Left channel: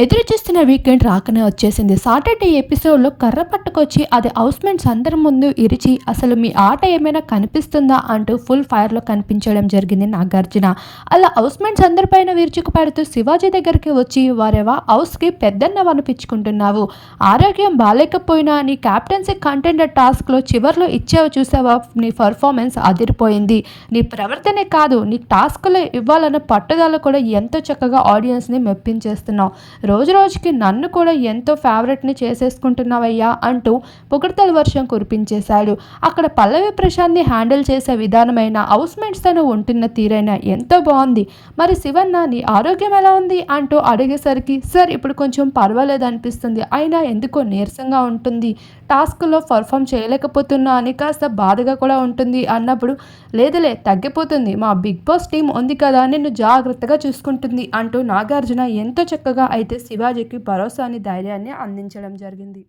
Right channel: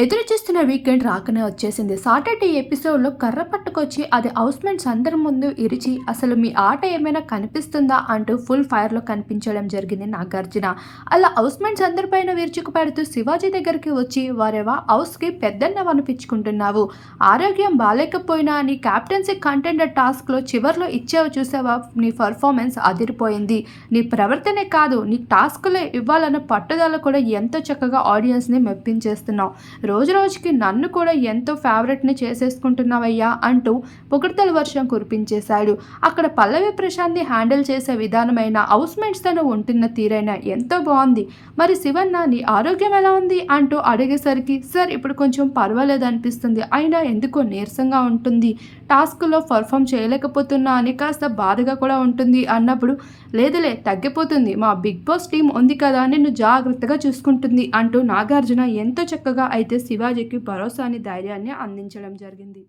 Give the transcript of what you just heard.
ఎదురు చూస్తున్న వీకెండ్ రాకనే వచ్చేసింది. సాటర్డే ఎపిసోడ్లో కర్ర పట్టుకొచ్చి అది హౌస్మెంట్స్ అందరి ముందు ఇరిచి అసలు మీ ఆట ఏమైనా కనిపిస్తుందా? అంటూ ఫుల్ ఫైర్లో కనిపించడం జరిగింది నాగార్జున. అలా హౌస్మెంట్స్ అందరిపైన విరుచుకు పడుతూ శివాజీ దగ్గరికి వచ్చి వారెవా హౌస్కి పెద్దన్న అనిపించుకుంటున్నావు ఆరోగ్యం బాగాలేకపోయినా నీ క్యాప్టెన్సీ కంటెండర్ టాస్క్లో చివరిలో ఇచ్చావు చూసావా? నీ పర్ఫార్మెన్స్ అదిరిపోయింది. నీ ప్రవర్తనే కాదు నీ టాస్క్లో ఇవ్వాలన్న పట్టుదల కూడా ఎంతో చక్కగా ఆడియన్స్ని మెప్పించేస్తున్నావు. రోజు రోజుకి నన్ను కూడా ఎంతో ఫేవరెట్ని చేసేసుకుంటున్నావయ్యా అంటూ పొగడ్తల వర్షం కురిపించేశాడు. అక్కడ పల్లవి ప్రశాంత్ని హ్యాండిల్ చేసే విధానమైన హౌస్మేట్స్ తను ఉంటున్న తీరైన ఎంతో బాగుంది. మరి శివన్న నీ ఆరోగ్యం ఎలా ఉంది? అంటూ అడిగేసరికి సార్ ఇప్పుడు కొంచెం పర్వాలేదు అనిపిస్తుంది. అయినా ఎందుకో నీరసంగా ఉంటుంది. టాస్క్లో పర్ఫామ్ చేయలేకపోతున్నా అని కాస్త బాధగా కూడా ఉంటుంది. అన్నప్పుడు లేదులే తగ్గిపోతుంది. మా బిగ్ బాస్ టీం ఉంది కదా నిన్ను జాగ్రత్తగా చూసుకుంటుంది. అంటూ నాగార్జున ఎంతో చక్కగా అయితే శివాజీకి భరోసాని ధైర్యాన్ని అందించడం జరిగింది.